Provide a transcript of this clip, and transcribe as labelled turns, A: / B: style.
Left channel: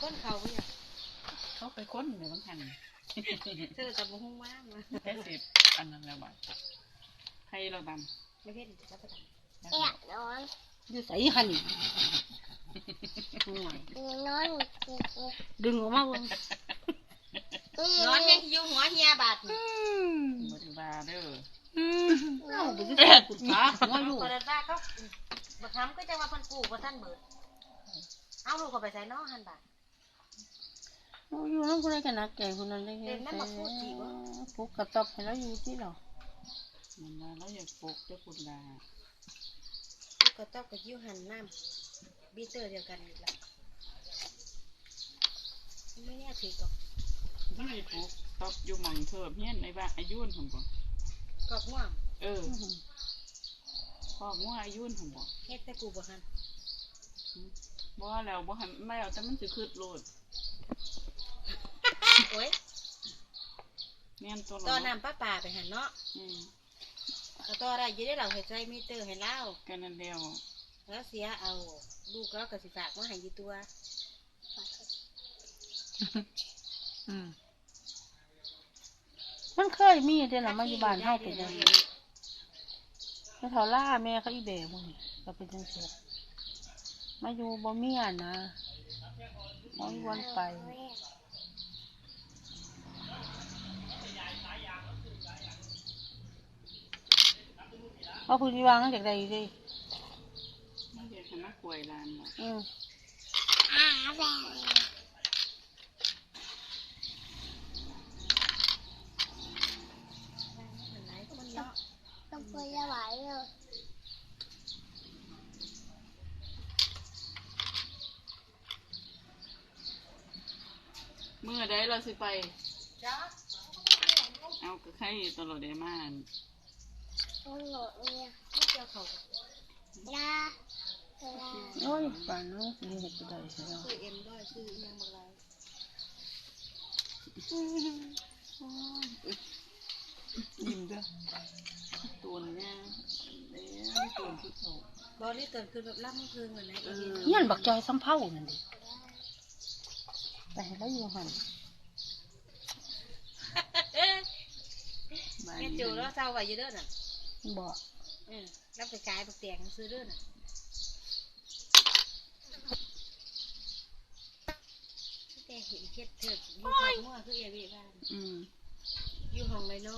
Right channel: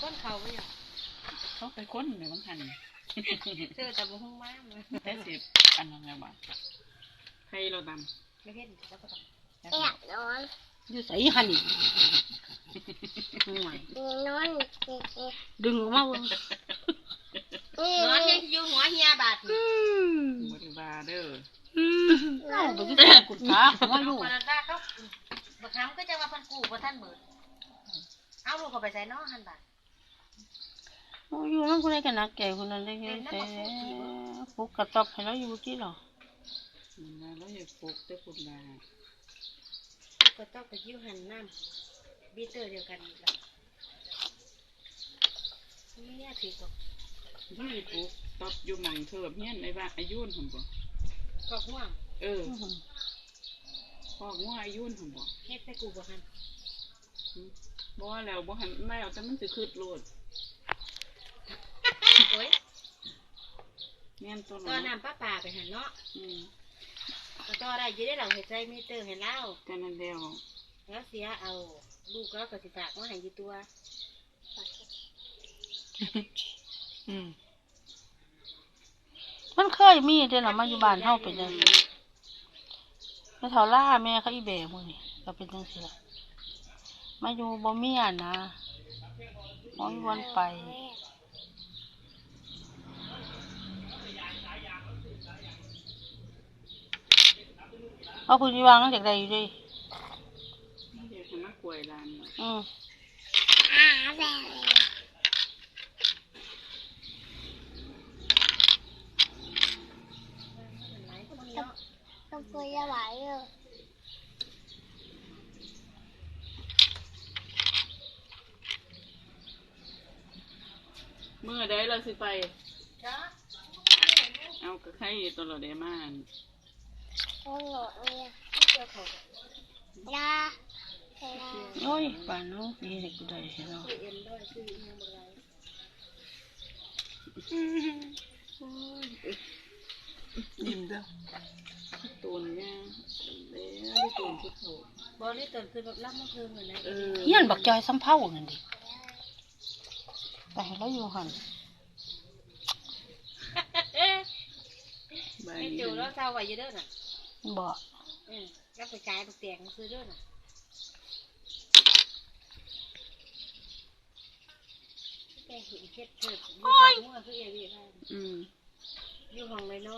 A: ค้นเขาไม่หรอ
B: เขาไปค้นในบางหัน
A: เธอแต่บุ้งมากมา
B: แค่สิบอันนั้นแล้วบ้างให้เราดำ
A: ไม่เห็นแล้วก็ทำ
C: อยากนอน
A: อยู่ใส่หันอีกห่วย
C: นอน
A: ดึงออกมาบ่นอนยังอยู่หัวเฮียบาด
B: บริวารเด้อ
A: เราไปกินกุฎาหัวอยู่ปรดาเขาบักคำก็จะว่าพันกูบ่ท่านเบิดเอาลูกเขาไปใส่น้อหันบาด
D: อยู่นั่นคนใดกันนักแก่คนนั้นได้แค่ปลุกกระต๊อบให้เราอยู่ที่หรอ
B: มันมาแล้วอย่าปลุกได้คุณนา
A: ก็ต้องไปยิ้วหันน้ำบีเตอร์เดียวกันอีกแล้วไม่แน่ถือกับ
B: ไม่ปลุกตอบอยู่หมั่งเถิบเนี่ยในบ้านอายุนผมบอก
A: ขอบง่วง
B: ขอบง่วงอายุนผมบอก
A: เฮ็ดแต่กูบ่หัน
B: บ่แล้วบ่หันไม่เอาแต่มันสิคืดโลด
A: โอ้ย
B: แม่นตัว
A: ตอนน้ำป้าไปหันเนาะแล้วต่อได้ยืดได้หลังหัวใจมีเตอร์ให้เล่า
B: กันนั่นเดียว
A: แล้วเสียเอาลูกก็กระสิฝากมาให้ยี่ตัว
D: มันเคยมีเดี๋ยวเรามาอยู่บ้านเฮาเป็นจังซี่แม่เฒ่าล่าแม่เขาอีแบกมื้อนี่ก็เป็นจังซี่ล่ะมาอยู่บ่มีอ่ะนะบ่มีวันไปเอาคุณวางนั่งจากใดอยู่ดิ
B: เดี๋ยวฉันมาป่วยร้านเนาะ
C: แบบต้องพูดยังไงเลย
B: เมื่อใดเราสิไปเอากระไข่ตลอดได้มาก
C: โอ้ย
D: โอ้ยป่านน้องสิเฮ็ดกูได้เนาะ
B: ยิ้มเด้อตัวนี้แล้วตัวชุดโถ
A: บอลนี่ตื่นคืนแบบรับมาคืนเหมือนนะ
D: เฮียนบักจอยซ้ำเผานั่นดิแต่ให้เราอยู่หั่น
A: แม่จูแล้วเศร้าไว้เยอะเด้อน่ะ
D: บ่
A: แล้วไปขายบักเตียงซื้อเด้อน่ะแกเห็นเฮ็ดเถิดอยู่ห้องคือเอวีบ้านอยู่ห้องเลยเนาะ